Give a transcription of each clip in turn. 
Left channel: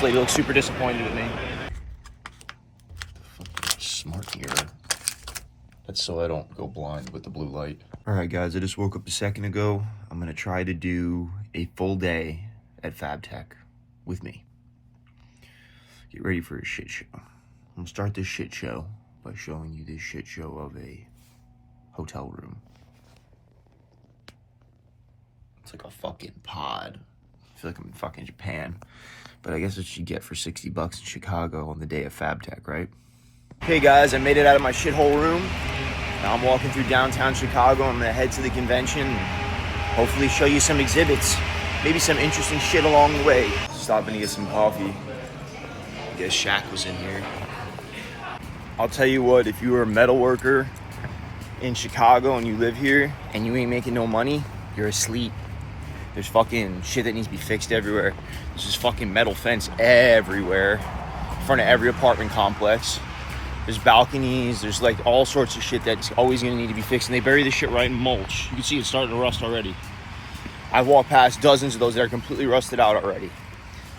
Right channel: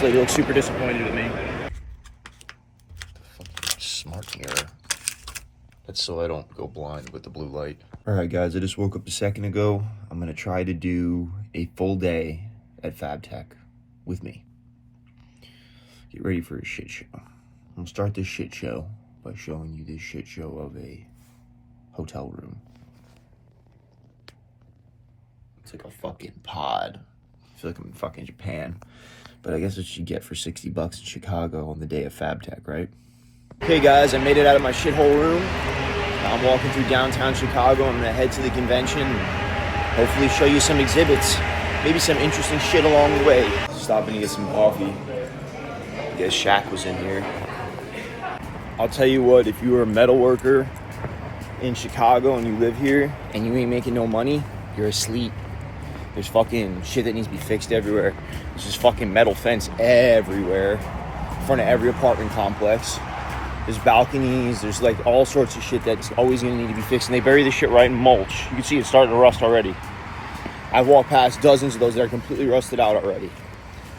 This lady looks super disappointed with me. Smart mirror. That's so I don't go blind with the blue light. All right, guys, I just woke up a second ago. I'm gonna try to do a full day at Fab Tech with me. Get ready for a shit show. I'm gonna start this shit show by showing you this shit show of a hotel room. It's like a fucking pod. I feel like I'm in fucking Japan. But I guess that's what you get for 60 bucks in Chicago on the day of Fab Tech, right? Hey guys, I made it out of my shithole room. Now I'm walking through downtown Chicago. I'm gonna head to the convention and hopefully show you some exhibits. Maybe some interesting shit along the way. Stopping to get some coffee. I guess Shaq was in here. I'll tell you what, if you were a metal worker in Chicago and you live here and you ain't making no money, you're asleep. There's fucking shit that needs to be fixed everywhere. There's this fucking metal fence everywhere in front of every apartment complex. There's balconies, there's like all sorts of shit that's always gonna need to be fixed, and they bury this shit right in mulch. You can see it's starting to rust already. I've walked past dozens of those that are completely rusted out already.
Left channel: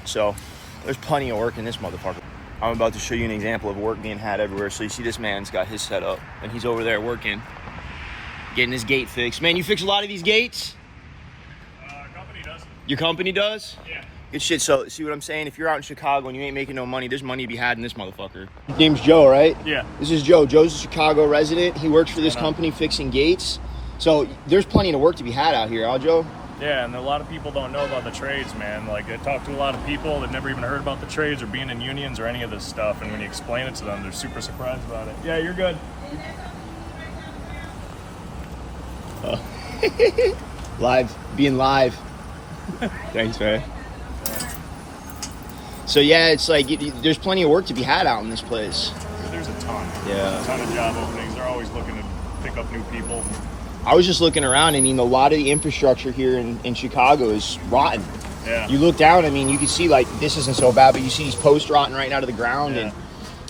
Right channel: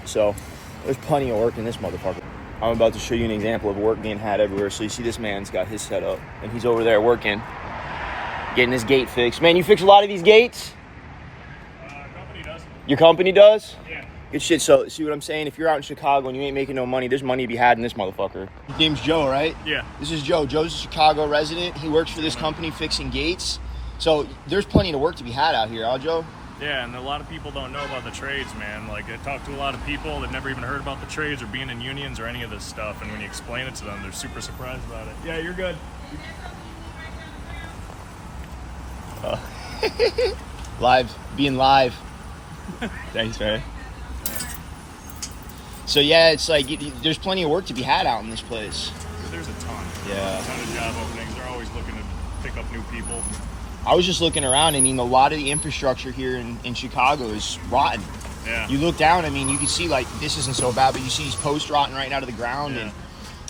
So there's plenty of work in this motherfucker. I'm about to show you an example of work being had everywhere. So you see this man's got his set up and he's over there working, getting his gate fixed. Man, you fix a lot of these gates? Company does. Your company does? Yeah. Good shit. So see what I'm saying? If you're out in Chicago and you ain't making no money, there's money to be had in this motherfucker. His name's Joe, right? Yeah. This is Joe. Joe's a Chicago resident. He works for this company fixing gates. So there's plenty of work to be had out here, huh, Joe? Yeah, and a lot of people don't know about the trades, man. Like, I talk to a lot of people that never even heard about the trades or being in unions or any of this stuff, and when you explain it to them, they're super surprised about it. Yeah, you're good. Live, being live. Thanks, man. So yeah, it's like there's plenty of work to be had out in this place. There's a ton. Yeah. A ton of job openings. They're always looking to pick up new people. I was just looking around. I mean, a lot of the infrastructure here in Chicago is rotten. Yeah. You look down, I mean, you can see, like, this isn't so bad, but you see these posts rotting right out of the ground. Yeah. And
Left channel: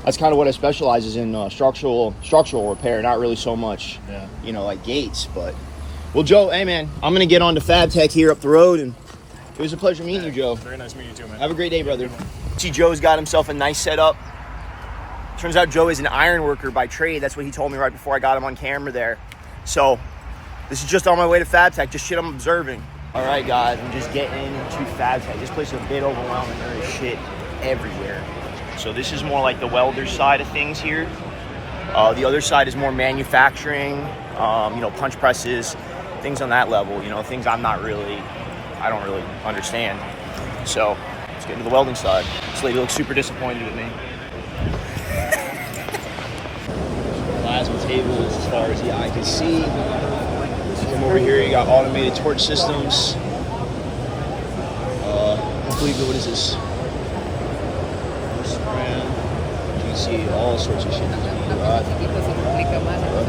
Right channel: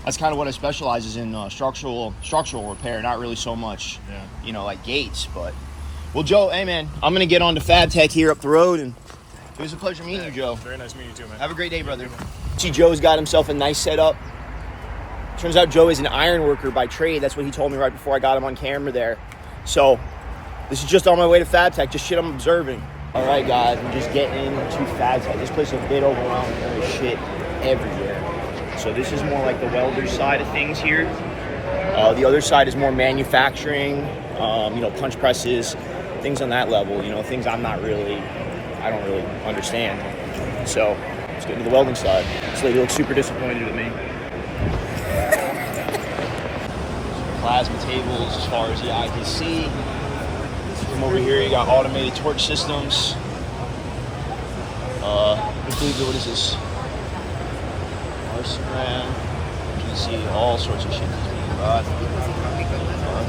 that's kind of what I specialize in, structural repair, not really so much, you know, like gates. But, well, Joe, hey, man, I'm going to get on to Fab Tech here up the road, and it was a pleasure meeting you, Joe. Very nice meeting you too, man. Have a great day, brother. See, Joe's got himself a nice setup. Turns out Joe is an iron worker by trade. That's what he told me right before I got him on camera there. So this is just on my way to Fab Tech, just shit I'm observing. All right, guys, I'm just getting into Fab Tech. This place is a bit overwhelming. There is shit everywhere. So this is more like the welder side of things here. The other side is more manufacturing, you know, punch presses, things on that level, you know, things I don't really understand. So let's get into the welding side. This lady looks super disappointed with me. Plasma tables as far as the eye can see. From over here, you got automated torch systems. Hopefully, what is this? You can see all sorts of shit.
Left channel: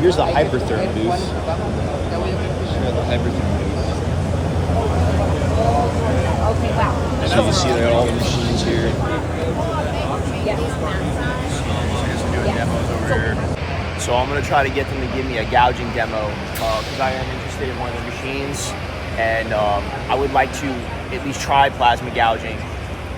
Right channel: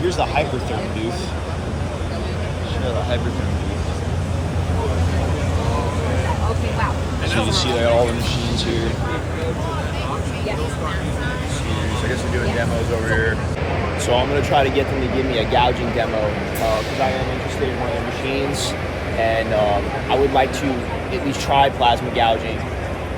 Here's the Hypertherm booth. Here's the Hypertherm booth. Okay, wow. So you can see like, all the machines here. I guess we're doing demos over here. So I'm going to try to get them to give me a gouging demo because I am interested in one of the machines, and I would like to at least try plasma gouging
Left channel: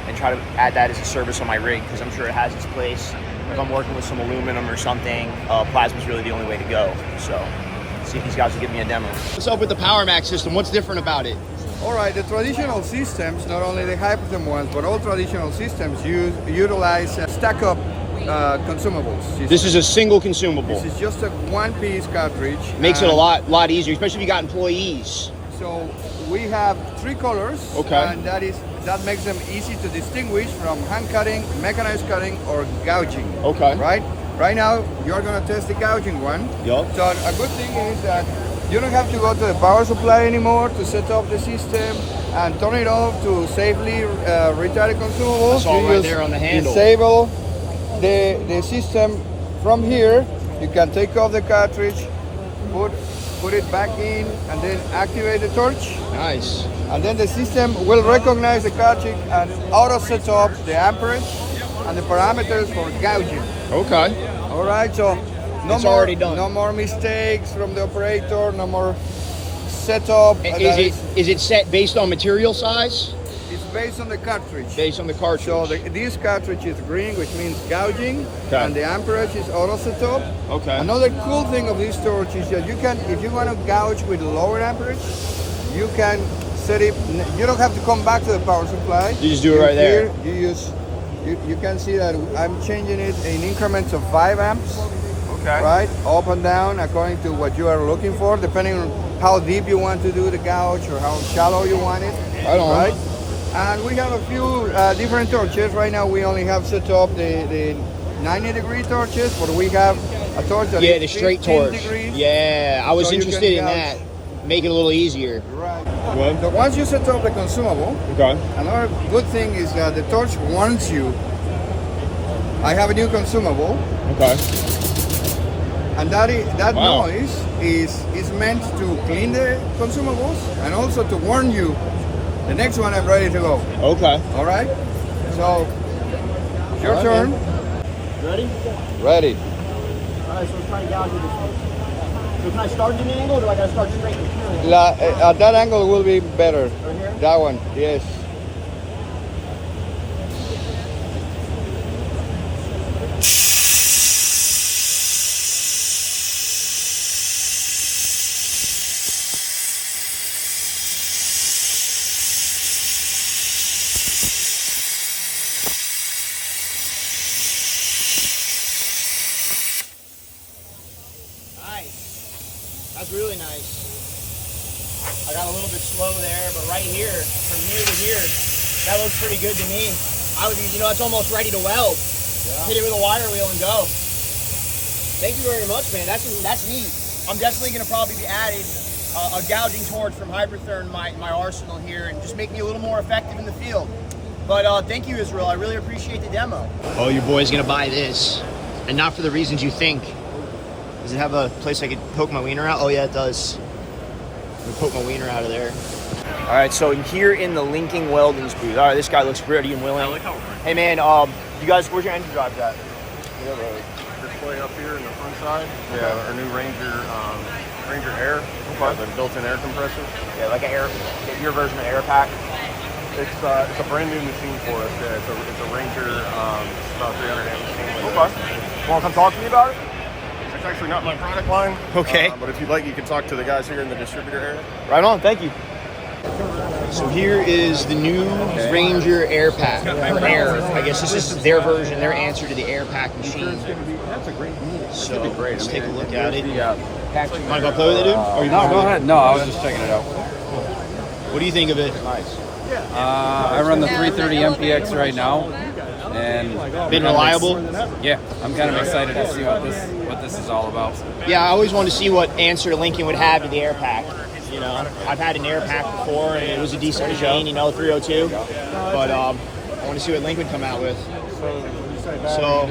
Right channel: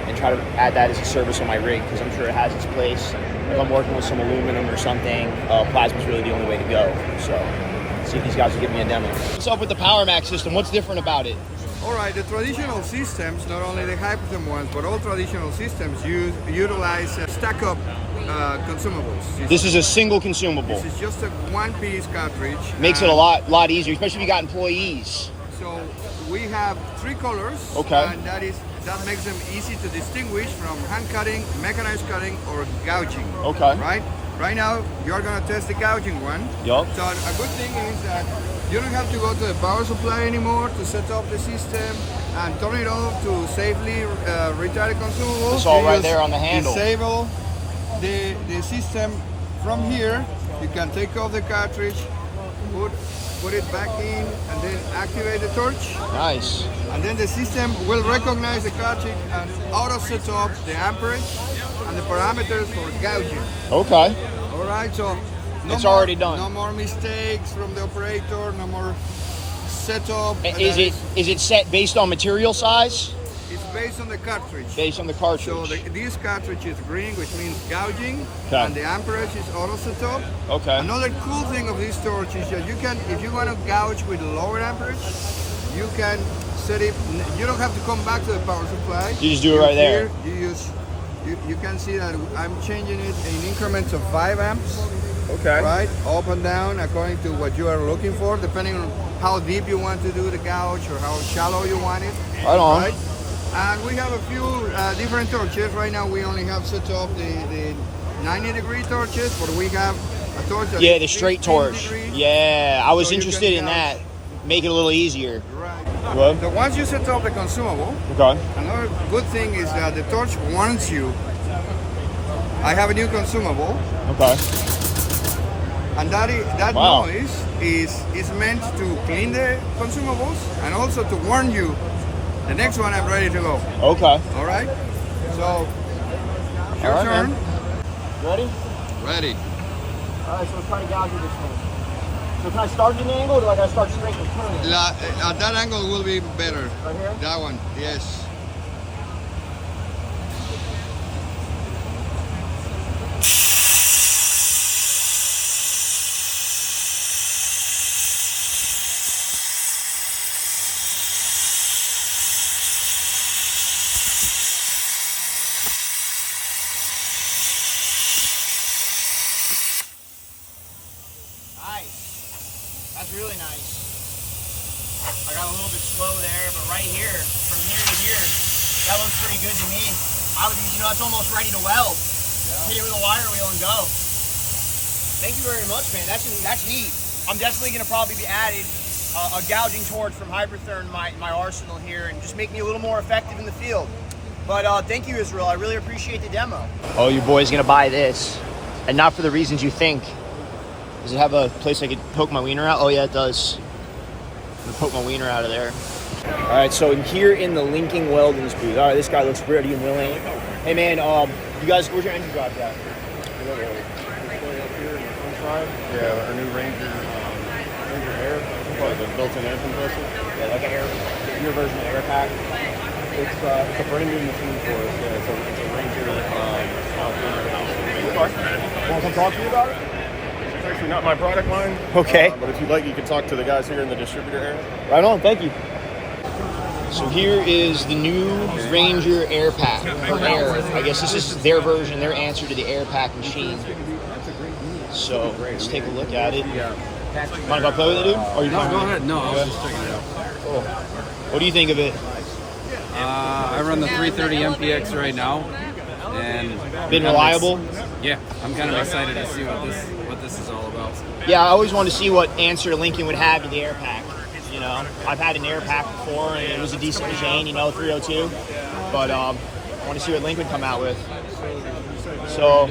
and try to add that as a service on my rig because I'm sure it has its place. If I'm working with some aluminum or something, plasma is really the only way to go. So let's see if these guys will give me a demo. What's up with the PowerMax system? What's different about it? All right, the traditional systems, not only the Hypertherm ones, but all traditional systems utilize stack-up consumables. This is a single consumable. This is just a one-piece cartridge. Makes it a lot easier, especially if you got employees. So we have 3 colors, okay, and that makes them easy to distinguish from hand cutting, mechanized cutting, or gouging. Okay. Right now, you're gonna test the gouging one. Yup. So a good thing is that you don't have to go to the power supply anymore to set up the system and turn it off to safely retire the consumables. It's all right there on the handle. Disable the system from here. You can take off the cartridge, put it back in, and then activate the torch. Nice. And then the system will recognize the cartridge and auto set up the amperage and the parameters for gouging. Okay. All right, so it's already done. No more mistakes from the operator. No more setup. Is it set based on material size? It's based on the cartridge. Based on the cartridge. So this cartridge is green, which means gouging, Okay. and the amperage is auto setup. Okay. Another cool thing of this torch is that you can, if you want to gouge with lower amperage, you can set it. You don't have to come back to the power supply. You just do it right there. You use. You can see that I'm changing it in increments of 5 amps. Okay. Right, up and down according to what you are looking for, depending on how deep you want to do the gouge or how shallow you want it. Right on. Right? And we have a few different torches. Right now we only have set up the 90-degree torches, but we have a torch that Yeah, is the straight 15 torch. degrees. Yeah, I was So you can interested in gouge. that. Make it a little easier. Right. Good. So once you set up the consumable, Okay. another good thing is that the torch warns you. I have a new consumable. Okay. And that Wow. noise is meant to clean the consumables and also to warn you the next one I'm ready to go. Okay. All right? So, it's your All right, turn. Ready? Ready. All right, so let's try to gouge with this thing. So can I start at an angle or do I gotta start straight and turn? At that angle will be better. Right here? That one, yes. Nice. That's really nice. I got a little bit slow there, but right here, from here to here, that looks pretty good to me. I was, it's almost ready to weld. Yeah. Hit it with a wire wheel and go. Thank you very much, man. That's neat. I'm definitely gonna probably be adding a gouging torch from Hypertherm in my arsenal here, and just make me a little more effective in the field. But thank you, Israel. I really appreciate the demo. Oh, your boy's gonna buy this, and not for the reasons you think. Does it have a place I could poke my wiener out? Oh yeah, it does. I'm gonna poke my wiener out of there. All right, so here in the linking welding booth. All right, this guy looks ready and willing. Hey man, you guys, where's your engine drive at? Display up here in the front side. Yeah, our new Ranger Air. The built-in air compressor. Yeah, like your version of air pack. It's a brand new machine for us. Yeah, it's a Ranger about 300. Okay. Want to come talk to me about it? It's actually not my product line. Okay. But if you'd like, you can talk to the guys here in the distributor area. Right on, thank you. So here is the new Ranger Air Pack for Air. I guess this is their version, their answer to the Air Pack machine. That's a great move. So let's take a look at it. You want to go play with it, dude? Or you No, go ahead. No, I was just checking it out. What do you think of it? I run the 330 MPX right now, and Been reliable? Yeah, I'm kind of excited to see what this is all about. Yeah, I always wanted to see what answer Lincoln would have to the Air Pack. You know, I've had an Air Pack before, and it was a decent machine, 302. But I want to see what Lincoln come out with. So,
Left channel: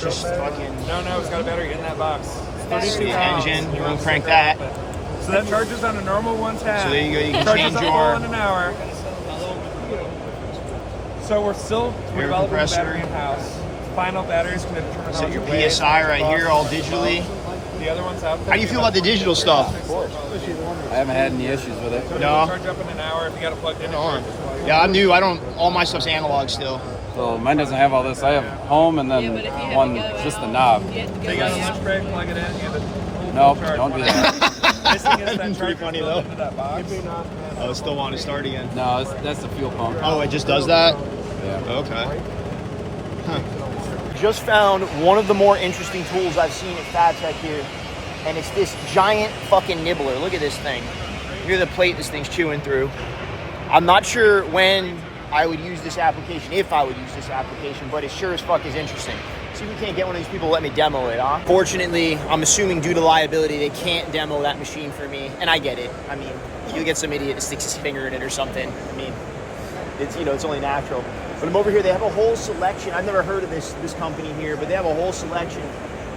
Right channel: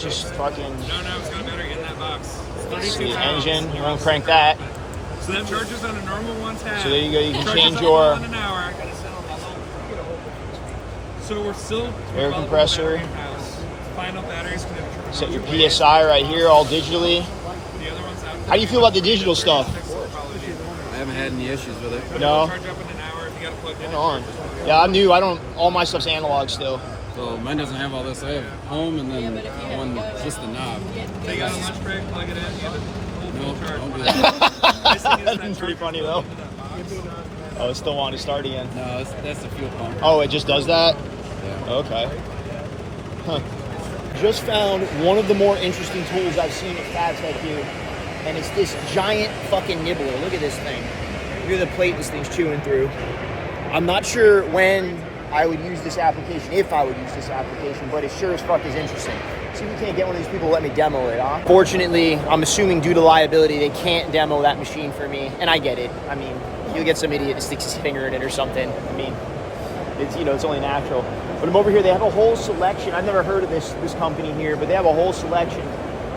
just fucking. No, it's got a battery in that box. It's 32 Sweet pounds. engine. You want to crank that? So that charges on a normal 110. So there you go. You can Charges change up your all in an hour. So we're air developing compressor. the battery in-house. Final batteries can determine Set how your much weight, PSI right here, all digitally. The other one's out. How do you feel about the digital stuff? I haven't had any issues with it. No. Charge up in an hour if you got it plugged in. Yeah, I'm new. I don't. All my stuff's analog still. So mine doesn't have all this. I have home and then one, just the knob. They got a lunch break, plug it in, you have it. No, don't do that. Nice thing is that Pretty charger funny, goes though. into that box. Oh, it still want to start again. No, that's the fuel pump. Oh, it just does that? Yeah. Okay. Huh. Just found one of the more interesting tools I've seen at Fab Tech here, and it's this giant fucking nibbler. Look at this thing. Look at the plate this thing's chewing through. I'm not sure when I would use this application, if I would use this application, but it sure as fuck is interesting. See if we can't get one of these people to let me demo it, huh? Fortunately, I'm assuming due to liability, they can't demo that machine for me, and I get it. I mean, you'll get some idiot that sticks his finger in it or something. I mean, it's, it's only natural. But I'm over here, they have a whole selection. I've never heard of this company here, but they have a whole selection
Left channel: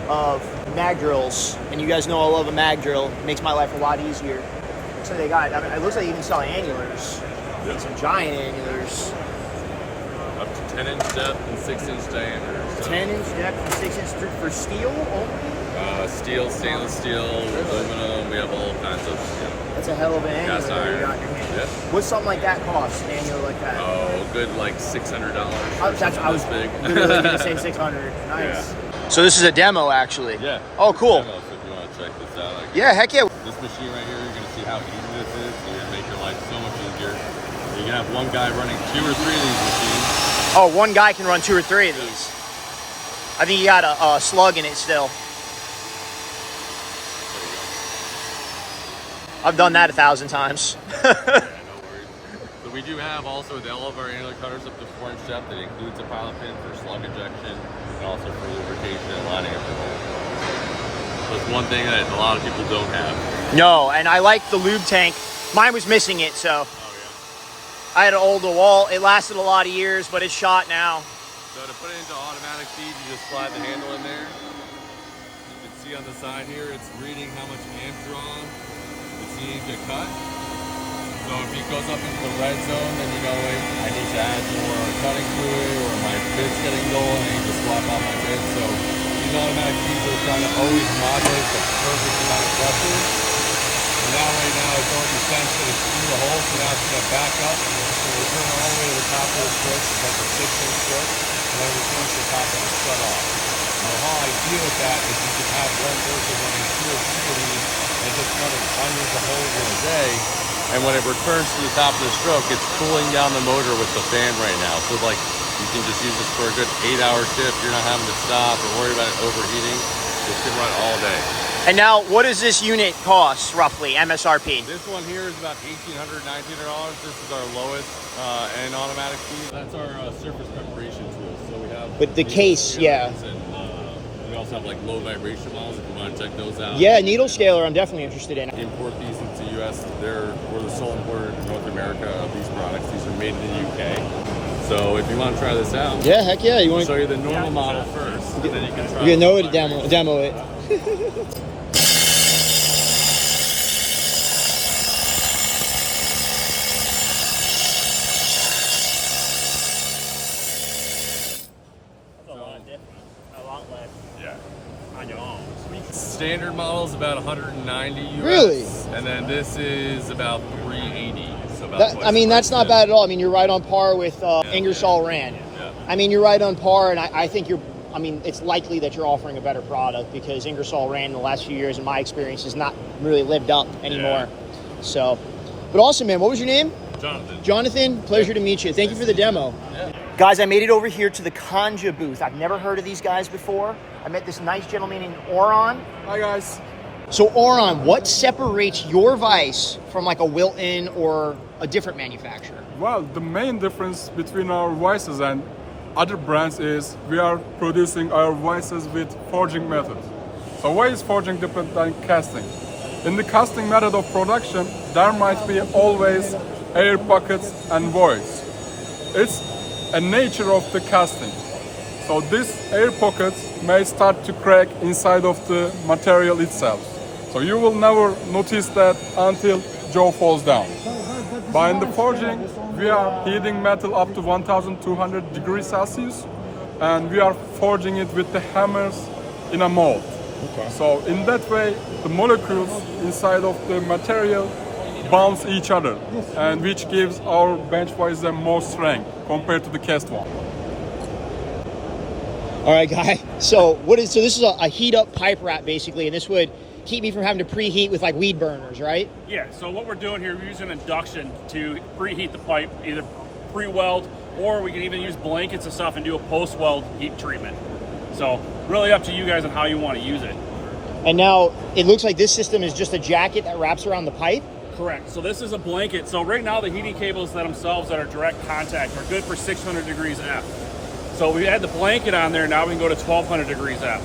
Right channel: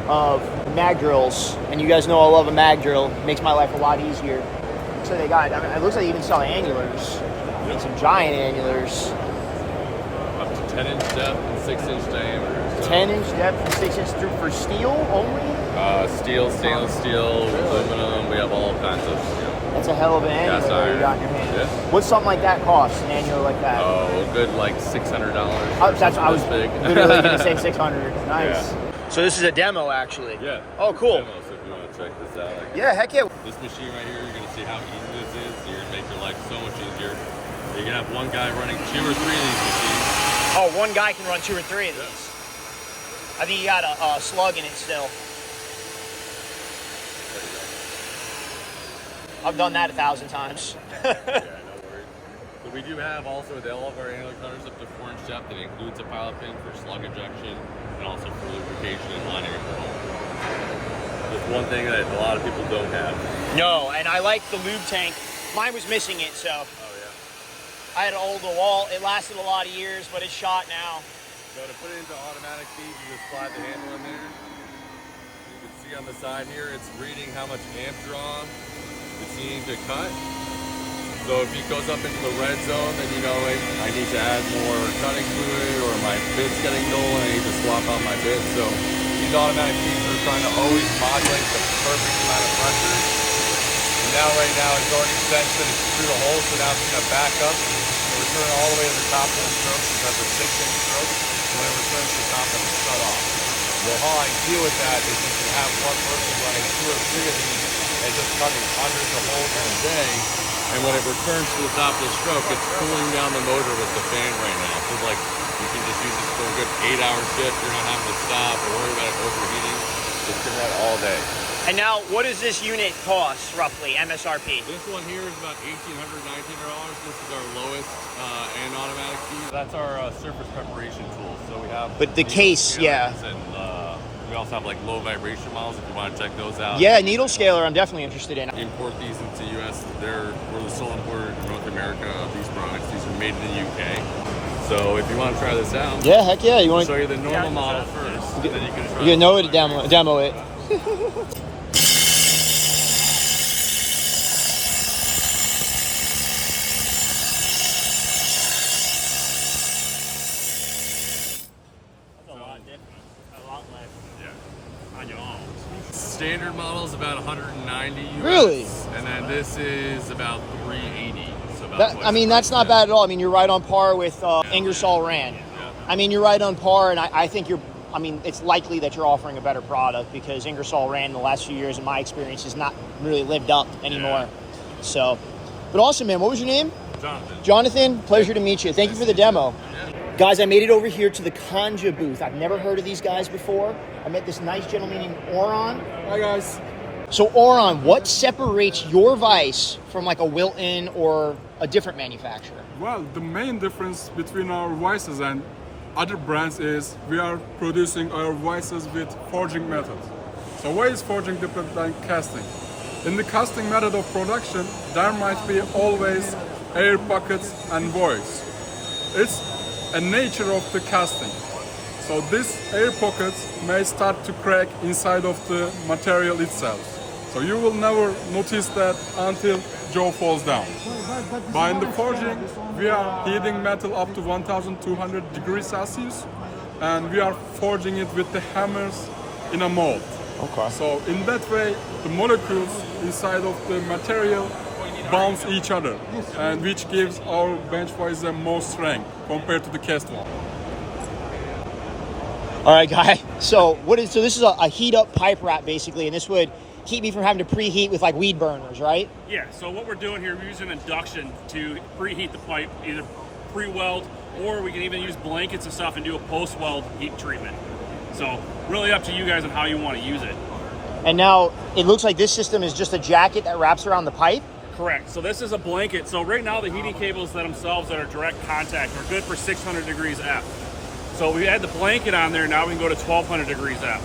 of mag drills. And you guys know I love a mag drill. It makes my life a lot easier. So they got, it looks like they even sell annulars. And some giant annulars. Up to 10-inch depth and 6-inch diameter. So. 10-inch depth and 6-inch through for steel only? Steel, stainless steel, aluminum. We have all kinds of steel. That's a hell of an annular Cast that you iron. got in your hand. Yeah. What's something like that cost, an annular like that? Oh, good like $600. That's I was big. literally going to say 600. Nice. Yeah. So this is a demo, actually. Yeah. Oh, cool. So if you want to check this out. Yeah, heck yeah. This machine right here, you're going to see how easy this is. You're going to make your life so much easier. You can have one guy running 2 or 3 of these machines. Oh, one guy can run 2 or 3 of these. I think you got a slug in it still. I've done that 1,000 times. So we do have also with all of our annular cutters up to 4-inch depth. That includes a pilot pin for slug injection and also for lubrication and line anchor. That's one thing that a lot of people don't have. No, and I like the lube tank. Mine was missing it, so. Oh yeah. I had an old DeWalt. It lasted a lot of years, but it's shot now. So to put it into automatic feed, you just slide the handle in there. You can see on the side here, it's reading how much amp draw it's needing to cut. So if he goes up into the red zone, then you go, I need to add more cutting fluid, or my bit's getting dull, and I need to swap out my bit. So these automatic feeds are trying to always modulate perfect pressure. And now right now it's already sensed that it's through the hole, so now it's going to back up. It's going all the way to the top of the stroke. You have a 6-inch stroke, and then we finish the top of the stroke. The whole idea with that is just to have one person running 2 or 3 of these and just running hundreds of loads in a day. And when it returns to the top of the stroke, it's cooling down the motor with the fan right now. So like you can just use it for a good 8-hour shift. You're not having to stop or worry about it overheating. It can run all day. And now, what does this unit cost, roughly, MSRP? This one here is about $1,800, $1,900. This is our lowest end automatic feed. That's our surface preparation tool. So we have. But the case, yeah. And we also have like low vibration models if you want to check those out. Yeah, needle scaler, I'm definitely interested in. We import these into the U.S. We're the sole importer in North America of these products. These are made in the U.K. So if you want to try this out, Yeah, heck yeah. You I'll want show you the normal model first, and then you can try. You know it, demo it. Standard model is about 190 US. Really? And then this is about 380. So about That, twice I mean, the that's price. not bad at all. I mean, you're right on par with Ingersoll Rand. Yeah. I mean, you're right on par, and I think I mean, it's likely that you're offering a better product because Ingersoll Rand in the last few years, in my experience, has not really lived up anymore. So, but awesome, man. What was your name? Jonathan. Jonathan, pleasure to meet you. Thank you for the demo. Guys, I made it over here to the Conja booth. I've never heard of these guys before. I met this nice gentleman named Oron. Hi guys. So Oron, what separates your vise from like a Wilton or a different manufacturer? Well, the main difference between our vices and other brands is we are producing our vices with forging method. So why is forging different than casting? In the casting method of production, there might be always air pockets and voids. It's a nature of the casting. So these air pockets may start to crack inside of the material itself. So you will never notice that until jaw falls down. But in the forging, we are heating metal up to 1200 degrees Celsius, and we are forging it with the hammers in a mold. Okay. So in that way, the molecules inside of the material bounce each other, and which gives our bench vise more strength compared to the cast one. All right, guy. So this is a heat up pipe wrap basically, and this would keep me from having to preheat with like weed burners, right? Yeah, so what we're doing here, we're using induction to preheat the pipe, either pre-weld, or we can even use blankets and stuff and do a post-weld heat treatment. So really up to you guys on how you want to use it. And now it looks like this system is just a jacket that wraps around the pipe. Correct. So this is a blanket. So right now the heating cables themselves that are direct contact are good for 600 degrees F. So we had the blanket on there, now we can go to 1200 degrees F.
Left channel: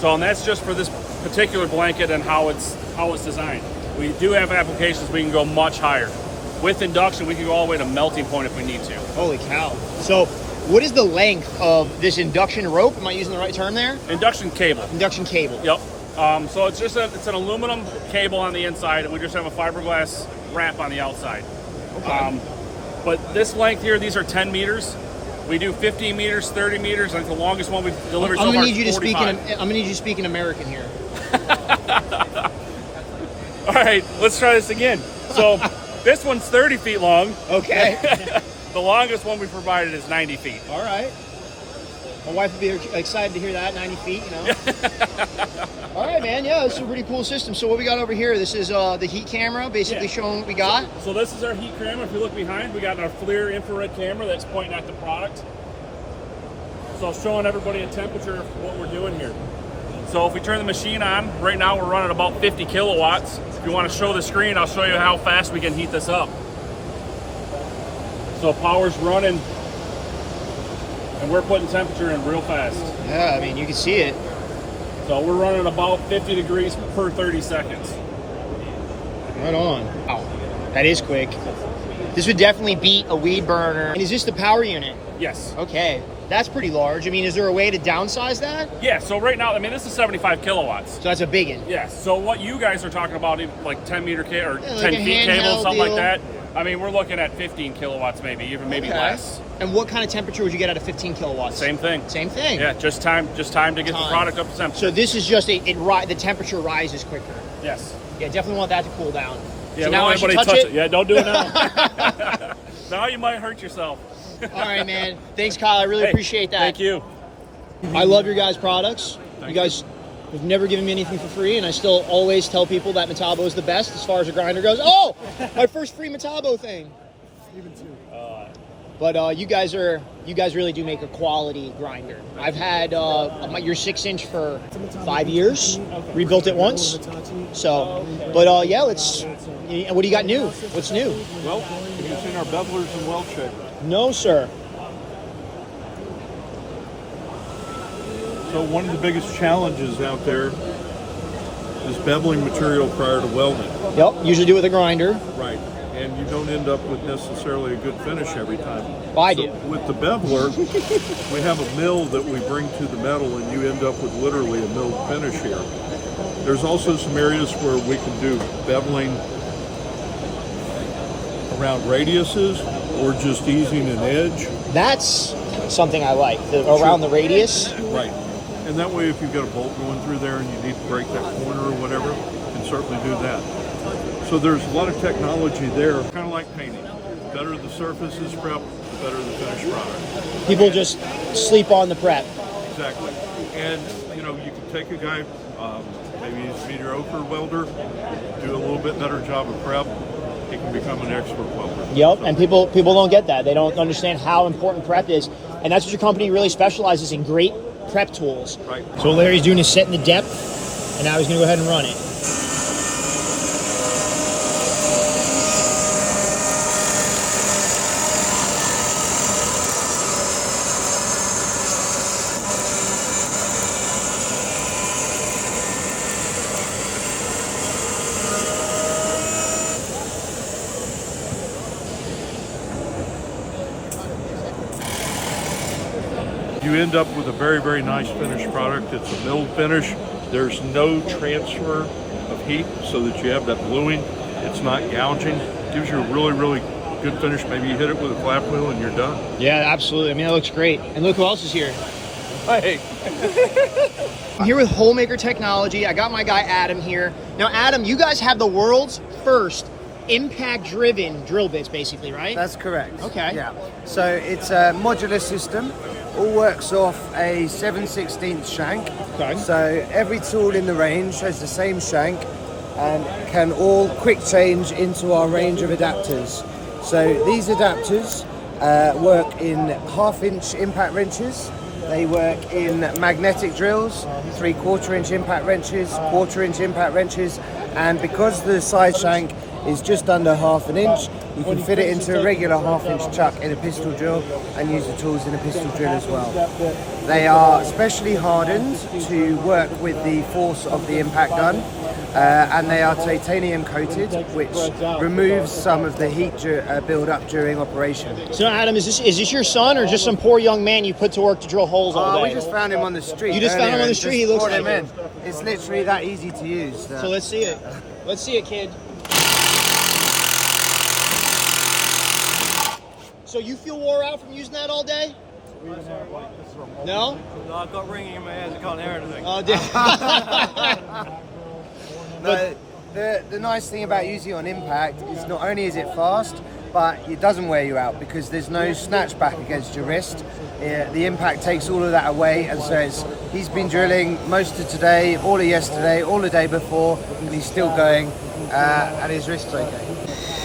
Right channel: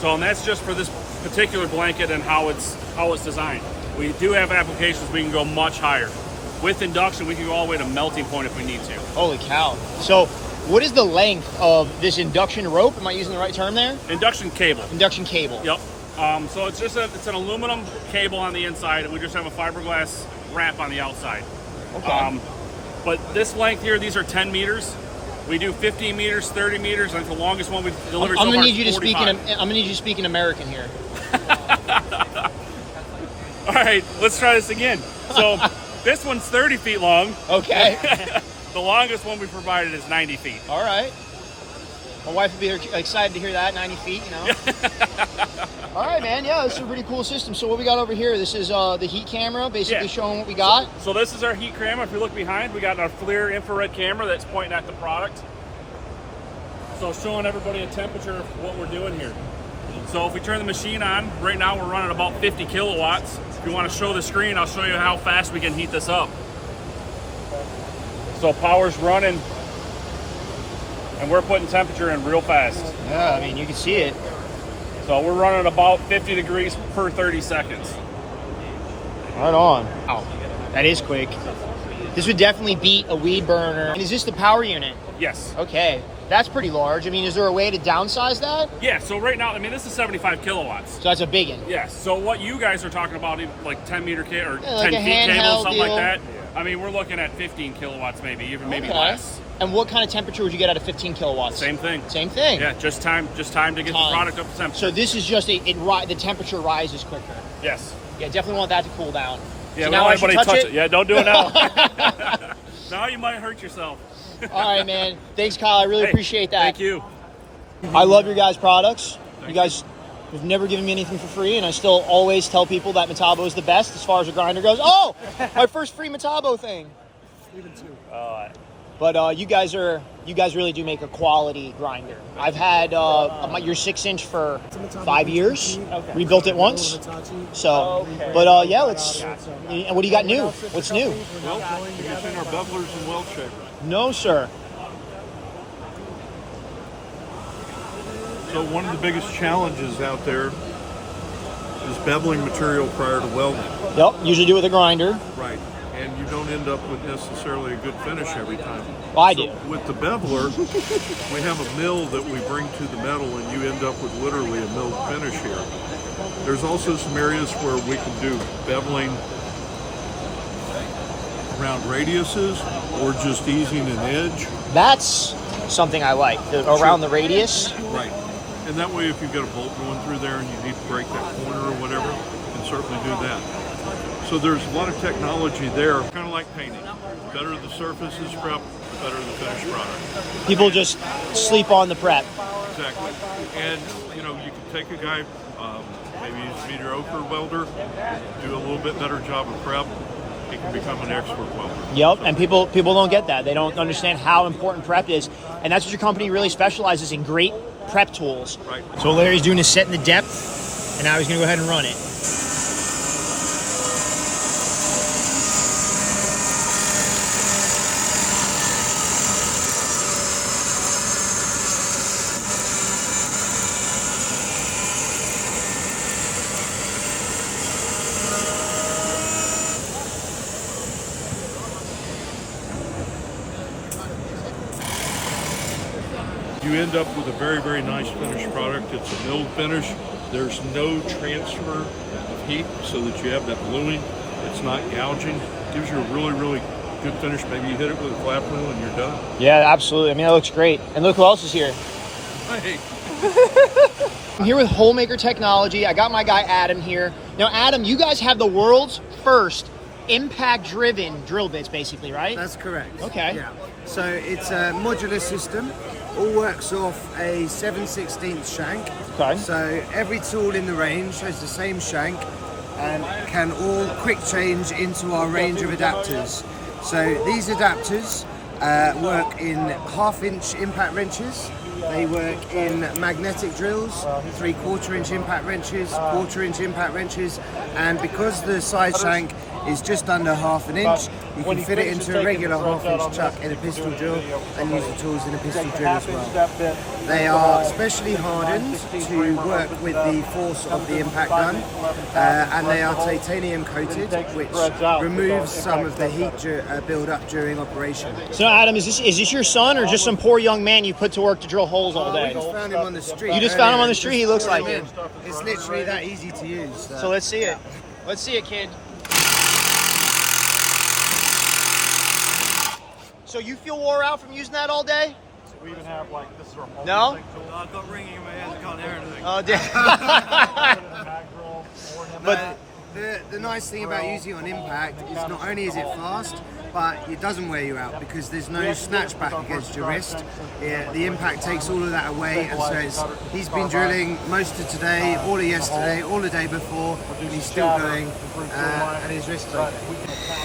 So and that's just for this particular blanket and how it's designed. We do have applications we can go much higher. With induction, we can go all the way to melting point if we need to. Holy cow. So what is the length of this induction rope? Am I using the right term there? Induction cable. Induction cable. Yep. So it's just it's an aluminum cable on the inside, and we just have a fiberglass wrap on the outside. Okay. But this length here, these are 10 meters. We do 15 meters, 30 meters. I think the longest one we've delivered so far is 45. I'm gonna need you to speak in American here. All right, let's try this again. So this one's 30 feet long. Okay. The longest one we provided is 90 feet. All right. My wife would be excited to hear that, 90 feet, you know. All right, man. Yeah, this is a pretty cool system. So what we got over here, this is the heat camera, basically showing what we got. So this is our heat camera. If you look behind, we got our FLIR infrared camera that's pointing at the product. So showing everybody a temperature of what we're doing here. So if we turn the machine on, right now we're running about 50 kilowatts. If you want to show the screen, I'll show you how fast we can heat this up. So power's running, and we're putting temperature in real fast. Yeah, I mean, you can see it. So we're running about 50 degrees per 30 seconds. Right on. Wow, that is quick. This would definitely beat a weed burner. And is this the power unit? Yes. Okay, that's pretty large. I mean, is there a way to downsize that? Yeah, so right now, I mean, this is 75 kilowatts. So that's a big one. Yes, so what you guys are talking about, like 10 meter or like 10 a feet cable, handheld something like deal. that. I mean, we're looking at 15 kilowatts maybe, even maybe Okay. less. And what kind of temperature would you get out of 15 kilowatts? Same thing. Same thing. Yeah, just time to get the product up to temperature. So this is just the temperature rises quicker. Yes. Yeah, definitely want that to cool down. Yeah, so we now don't I want should anybody touch touch it. Yeah, don't do it now. Now you might hurt yourself. All right, man. Thanks, Kyle. I really Hey, appreciate that. Thank you. I love your guys' products. You guys have never given me anything for free, and I still always tell people that Metabo is the best as far as a grinder goes. Oh, my first free Metabo thing. Even two. But you guys really do make a quality grinder. I've had your 6-inch for 5 years. Rebuilt it once. So, but yeah, let's. What do you got new? What's new? Well, have you seen our bevelers and weld shapers? No, sir. So one of the biggest challenges out there is beveling material prior to welding. Yep, usually do it with a grinder. Right. And you don't end up with necessarily a good finish every time. Well, I do. With the beveler, we have a mill that we bring to the metal, and you end up with literally a milled finish here. There's also some areas where we can do beveling around radiuses or just easing an edge. That's something I like, around the radius. Right. And that way, if you've got a bolt going through there and you need to break that corner or whatever, you can certainly do that. So there's a lot of technology there, kind of like painting. The better the surface is prepped, the better the finished product. People just sleep on the prep. Exactly. And, you know, you can take a guy, maybe he's a mediocre welder, do a little bit better job of prep, he can become an expert welder. Yep, so. And people don't get that. They don't understand how important prep is. And that's what your company really specializes in, great prep tools. Right. So what Larry's doing is setting the depth, and now he's going to go ahead and run it. You end up with a very, very nice finished product. It's a milled finish. There's no transfer of heat so that you have that bluing. It's not gouging. Gives you a really, really good finish. Maybe you hit it with a flap wheel and you're done. Yeah, absolutely. I mean, that looks great. And look who else is here. Hey. I'm here with Holemaker Technology. I got my guy Adam here. Now, Adam, you guys have the world's first impact-driven drill bits, basically, right? That's correct. Okay. Yeah. So it's a modular system. All works off a 7/16 shank. Okay. So every tool in the range has the same shank and can all quick change into our range of adapters. So these adapters work in 1/2-inch impact wrenches. They work in magnetic drills, 3/4-inch impact wrenches, 1/4-inch impact wrenches, and because the side shank is just under 1/2 inch, you can fit it into a regular 1/2-inch chuck in a pistol drill and use the tools in a pistol drill as well. They are specially hardened to work with the force of the impact gun, and they are titanium coated, which removes some of the heat build up during operation. So, Adam, is this your son or just some poor young man you put to work to drill holes all day? We just found him on the street. You just found him on the street? He looks like it. it. It's literally that easy to use. So let's see it. Let's see it, kid. So you feel wore out from using that all day? We even have like this remote. No? No, I've got ringing in my ears. I can't hear anything. Oh, No, the nice thing about using it on impact is not only is it fast, but it doesn't wear you out because there's no snatch back against your wrist. The impact takes all of that away, and so he's been drilling most of today, all of yesterday, all the day before, and he's still going, and his wrist is okay.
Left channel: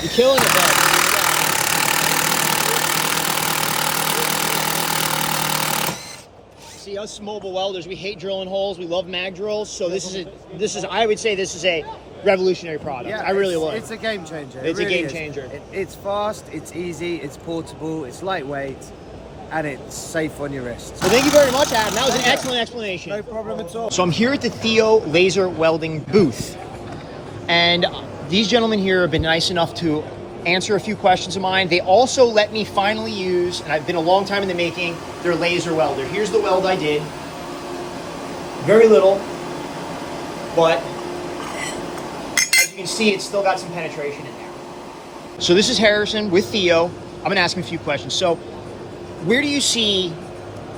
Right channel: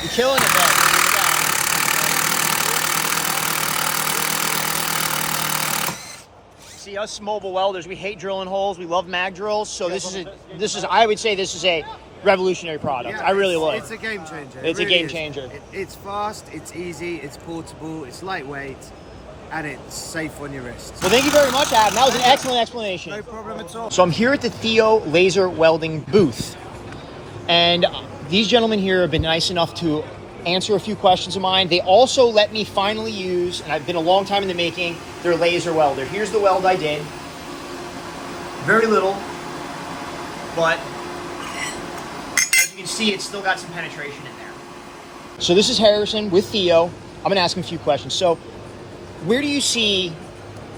You're killing it, man. See, us mobile welders, we hate drilling holes. We love mag drills. So this is I would say this is a revolutionary product. Yeah, I really would. It's a game changer. It's It a really game is. changer. It's fast, it's easy, it's portable, it's lightweight, and it's safe on your wrist. Well, thank you very much, Adam. That was an excellent explanation. No problem at all. So I'm here at the Theo Laser Welding booth, and these gentlemen here have been nice enough to answer a few questions of mine. They also let me finally use, and I've been a long time in the making, their laser welder. Here's the weld I did. Very little, but as you can see, it's still got some penetration in there. So this is Harrison with Theo. I'm gonna ask him a few questions. So where do you see,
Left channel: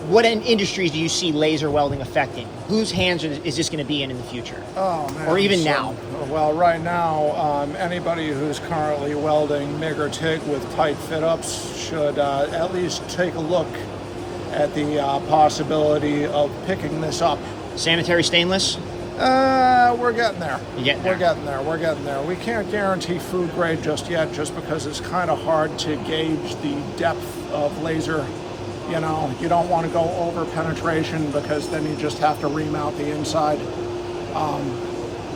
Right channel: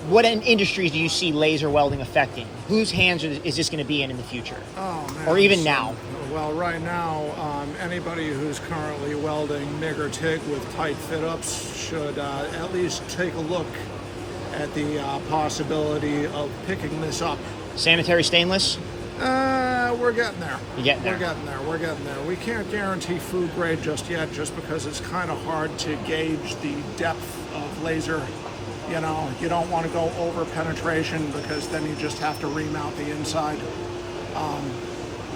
what industries do you see laser welding affecting? Whose hands is this going to be in the future? Oh, man. Or even now? Well, right now, anybody who's currently welding MIG or TIG with tight fit-ups should at least take a look at the possibility of picking this up. Sanitary stainless? We're getting there. We're getting there. We can't guarantee food grade just yet, just because it's kind of hard to gauge the depth of laser. You know, you don't want to go over penetration because then you just have to remount the inside.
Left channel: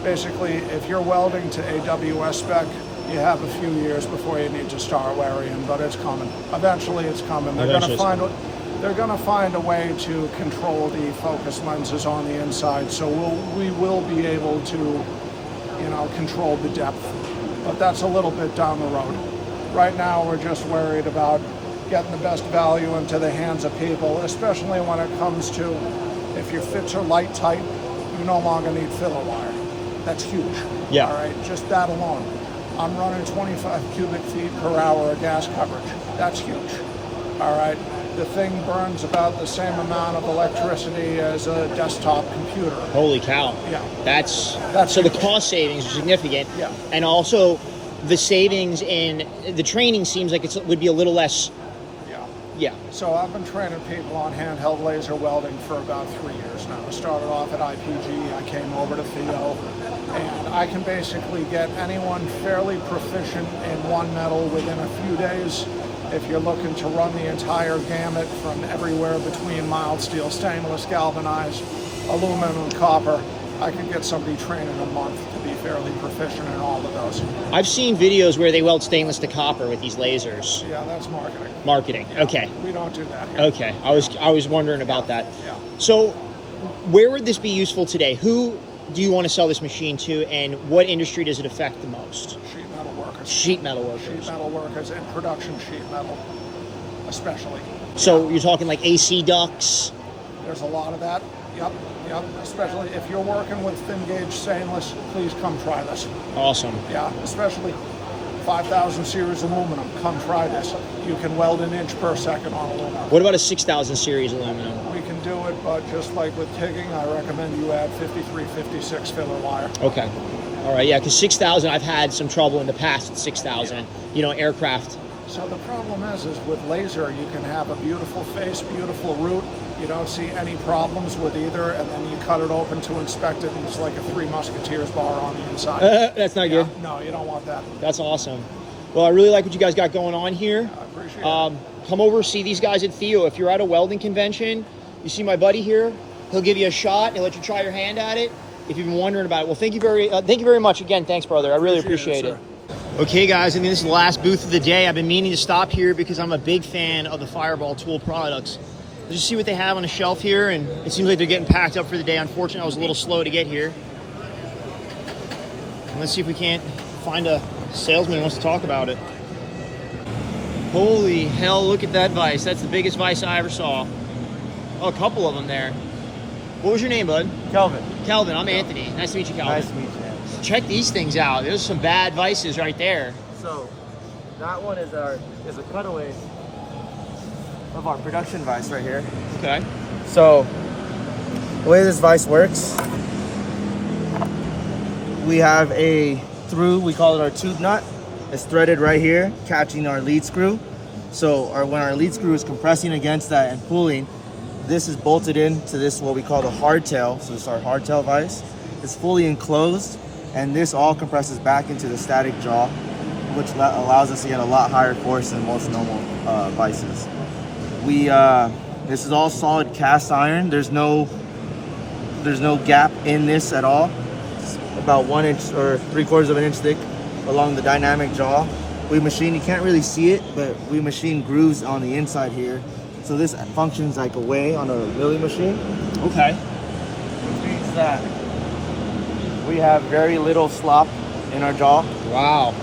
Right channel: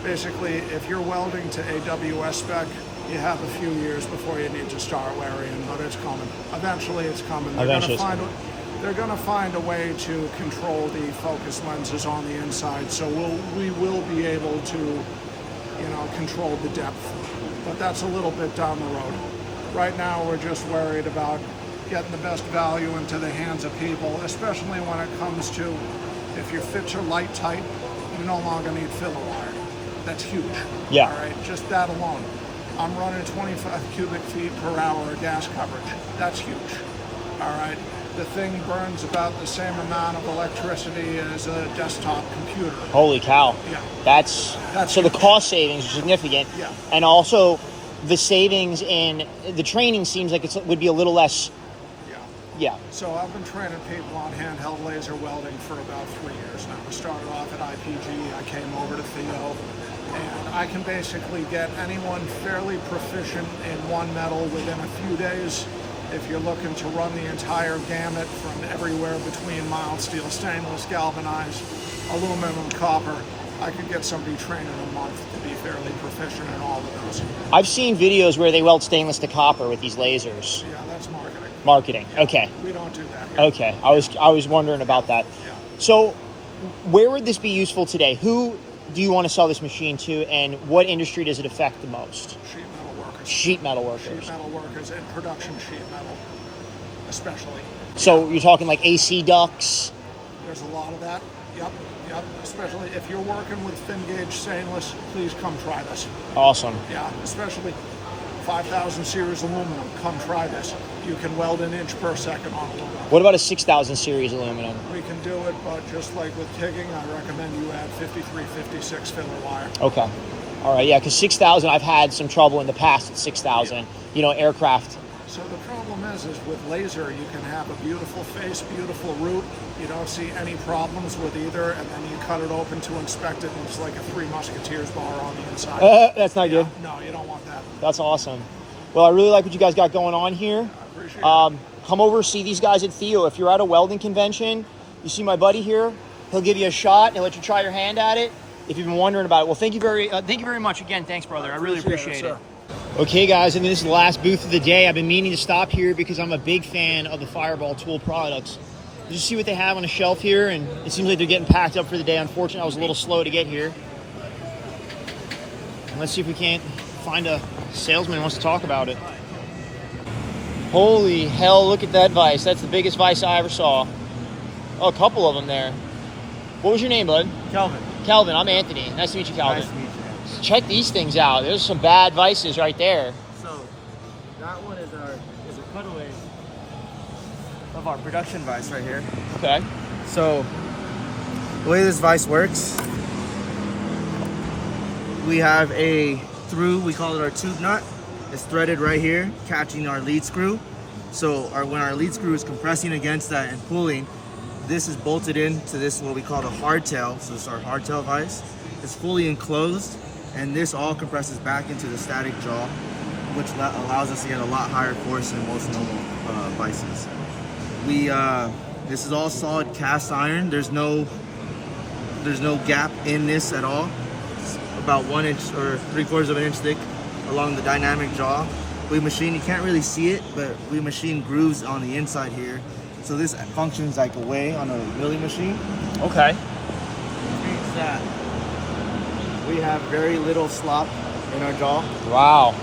Basically, if you're welding to AWS spec, you have a few years before you need to start worrying, but it's coming. Eventually, it's coming. They're going to find a way to control the focus lenses on the inside, so we will be able to, you know, control the depth. But that's a little bit down the road. Right now, we're just worried about getting the best value into the hands of people, especially when it comes to if your fits are light tight, you no longer need filler wire. That's huge. Yeah. All right, just that alone. I'm running 25 cubic feet per hour of gas coverage. That's huge. All right. The thing burns about the same amount of electricity as a desktop computer. Holy cow. Yeah. That's so huge. the cost savings are significant. Yeah. And also the savings in the training seems like it would be a little less. Yeah. So I've been training people on handheld laser welding for about 3 years now. I started off at IPG, I came over to Theo, and I can basically get anyone fairly proficient in one metal within a few days. If you're looking to run the entire gamut from everywhere between mild steel, stainless, galvanized, aluminum, copper, I could get somebody trained in a month to be fairly proficient in all of those. I've seen videos where they weld stainless to copper with these lasers. Yeah, that's marketing. Marketing. Yeah, okay. We don't do that here. Okay. I was wondering about that. Yeah. So where would this be useful today? Who do you want to sell this machine to, and what industry does it affect the most? Sheet metal workers. Sheet metal workers. Sheet metal workers and production sheet metal, especially. So you're talking like AC ducts? There's a lot of that. Yep. Especially if you're working with thin gauge stainless, please come try this. Awesome. Yeah, especially 5000 series aluminum. Come try this. You can weld an inch per second on aluminum. What about a 6000 series aluminum? We can do it, but just like with TIGging, I recommend you add 53, 56 filler wire. Okay. All right, yeah, because 6,000, I've had some trouble in the past at 6,000, you know, aircraft. So the problem is with laser, you can have a beautiful face, beautiful root. You don't see any problems with either, and then you cut it open to inspect it, and it's like a Three Musketeers bar on the inside. That's not good. No, you don't want that. That's awesome. Well, I really like what you guys got going on here. I appreciate it. Come over, see these guys at Theo. If you're at a welding convention, you see my buddy here, he'll give you a shot and let you try your hand at it. If you've been wondering about it, well, thank you very much again. Thanks, brother. I really appreciate it. Okay, guys, I mean, this is the last booth of the day. I've been meaning to stop here because I'm a big fan of the Fireball Tool products. Let's just see what they have on the shelf here, and it seems like they're getting packed up for the day. Unfortunately, I was a little slow to get here. And let's see if we can't find a salesman who wants to talk about it. Holy hell, look at that vise. That's the biggest vise I ever saw. Oh, a couple of them there. What was your name, bud? Kelvin. Kelvin, I'm Anthony. Nice to meet you, Kelvin. Nice to meet you. Check these things out. There's some bad vices right there. So, that one is a cutaway of our production vise right here. Okay. So the way this vise works, we have a through, we call it our tube nut. It's threaded right here, catching our lead screw. So when our lead screw is compressing against that and pulling, this is bolted into this, what we call the hardtail. So this is our hardtail vise. It's fully enclosed, and this all compresses back into the static jaw, which allows us to get a lot higher force than most normal vices. This is all solid cast iron. There's no gap in this at all. It's about 1 inch or 3/4 of an inch thick along the dynamic jaw. We machine, you can't really see it, but we machine grooves on the inside here. So this functions like a weigh on a milling machine. Okay. Which means that we have very little slop in our jaw. Wow.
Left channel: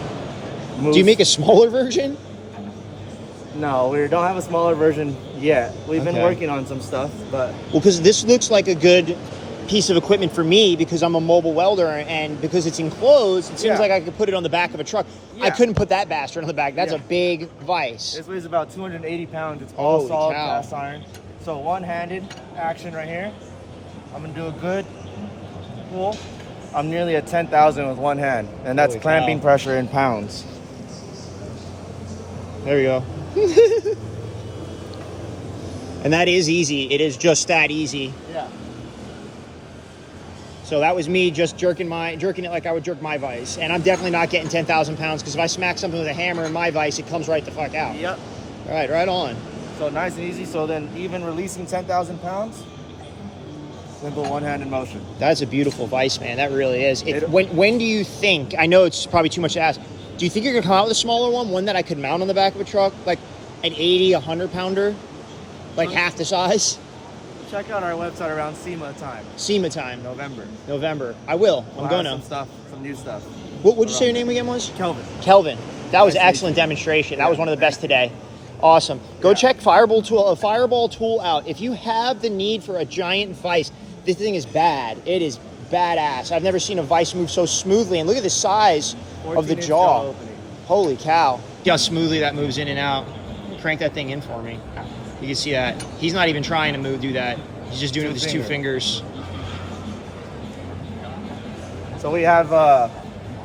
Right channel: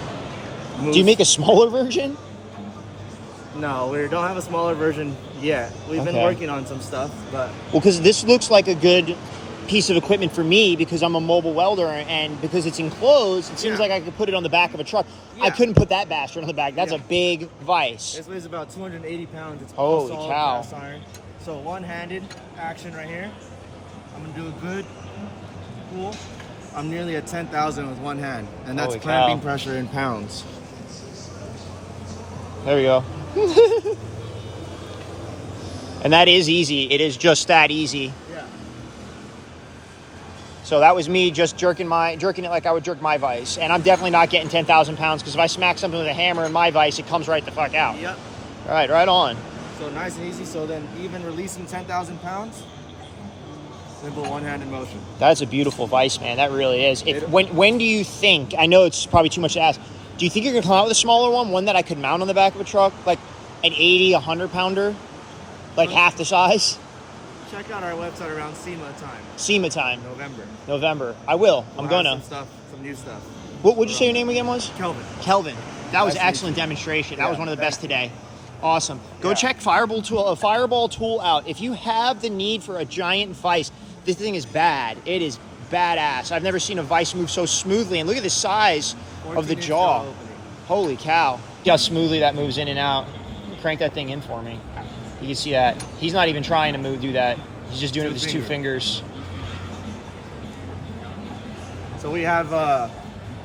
Do you make a smaller version? No, we don't have a smaller version yet. We've been working on some stuff, but... Well, because this looks like a good piece of equipment for me because I'm a mobile welder, and because it's enclosed, it seems like I could put it on the back of a truck. I couldn't put that bastard on the back. That's a big vise. This weighs about 280 pounds. It's all solid cast iron. So one-handed action right here. I'm gonna do a good pull. I'm nearly at 10,000 with one hand, and that's clamping pressure in pounds. There we go. And that is easy. It is just that easy. Yeah. So that was me just jerking it like I would jerk my vise. And I'm definitely not getting 10,000 pounds because if I smack something with a hammer in my vise, it comes right the fuck out. Yep. All right, right on. So nice and easy. So then even releasing 10,000 pounds, simple one-handed motion. That's a beautiful vise, man. That really is. When do you think, I know it's probably too much to ask, do you think you're going to come out with a smaller one that I could mount on the back of a truck? Like an 80, 100 pounder? Like half the size? Check out our website around SEMA time. SEMA time. November. I will. We'll I'm gonna. Some stuff, some new stuff. What would you say your name again was? Kelvin. Kelvin. That was excellent demonstration. That was one of the best today. Awesome. Go check Fireball tool out. If you have the need for a giant vise, this thing is bad. It is badass. I've never seen a vise move so smoothly. And look at the size of the jaw. Holy cow. See how smoothly that moves in and out. Crank that thing in for me. You can see that. He's not even trying to do that. He's just doing it with his two fingers. So we have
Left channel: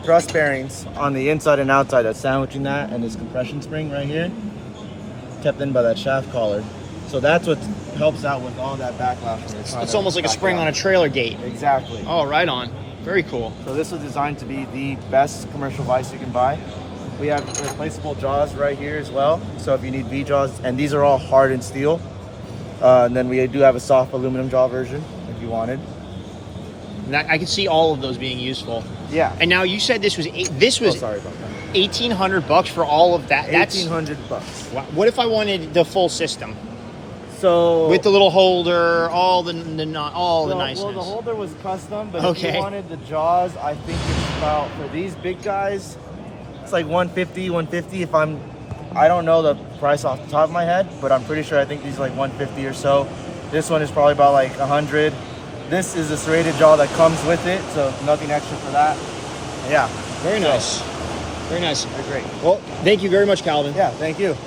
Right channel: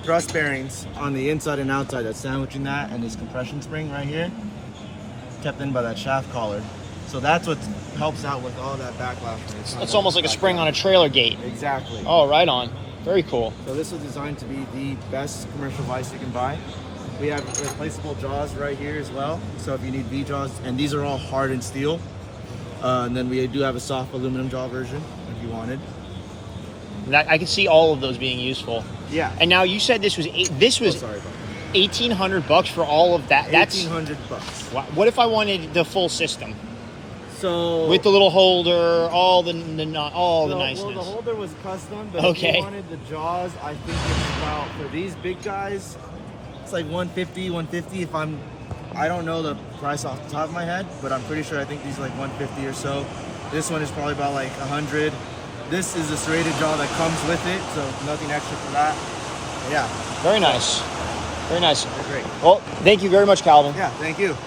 thrust bearings on the inside and outside that's sandwiching that, and this compression spring right here, kept in by that shaft collar. So that's what helps out with all that backlash. It's almost like a spring on a trailer gate. Exactly. Oh, right on. Very cool. So this was designed to be the best commercial vise you can buy. We have replaceable jaws right here as well. So if you need V-jaws, and these are all hardened steel. And then we do have a soft aluminum jaw version if you wanted. And I can see all of those being useful. Yeah. And now you said this was sorry about that. $1,800 for all of that. $1,800. What if I wanted the full system? So with the little holder, all the niceness. Well, the holder was custom, but if you wanted the jaws, I think it's about, for these big guys, it's like $150 if I don't know the price off the top of my head, but I'm pretty sure I think these are like $150 or so. This one is probably about like $100. This is a serrated jaw that comes with it, so nothing extra for that. Yeah. Very nice. Very nice. They're great. Well, thank you very much, Calvin. Yeah, thank you.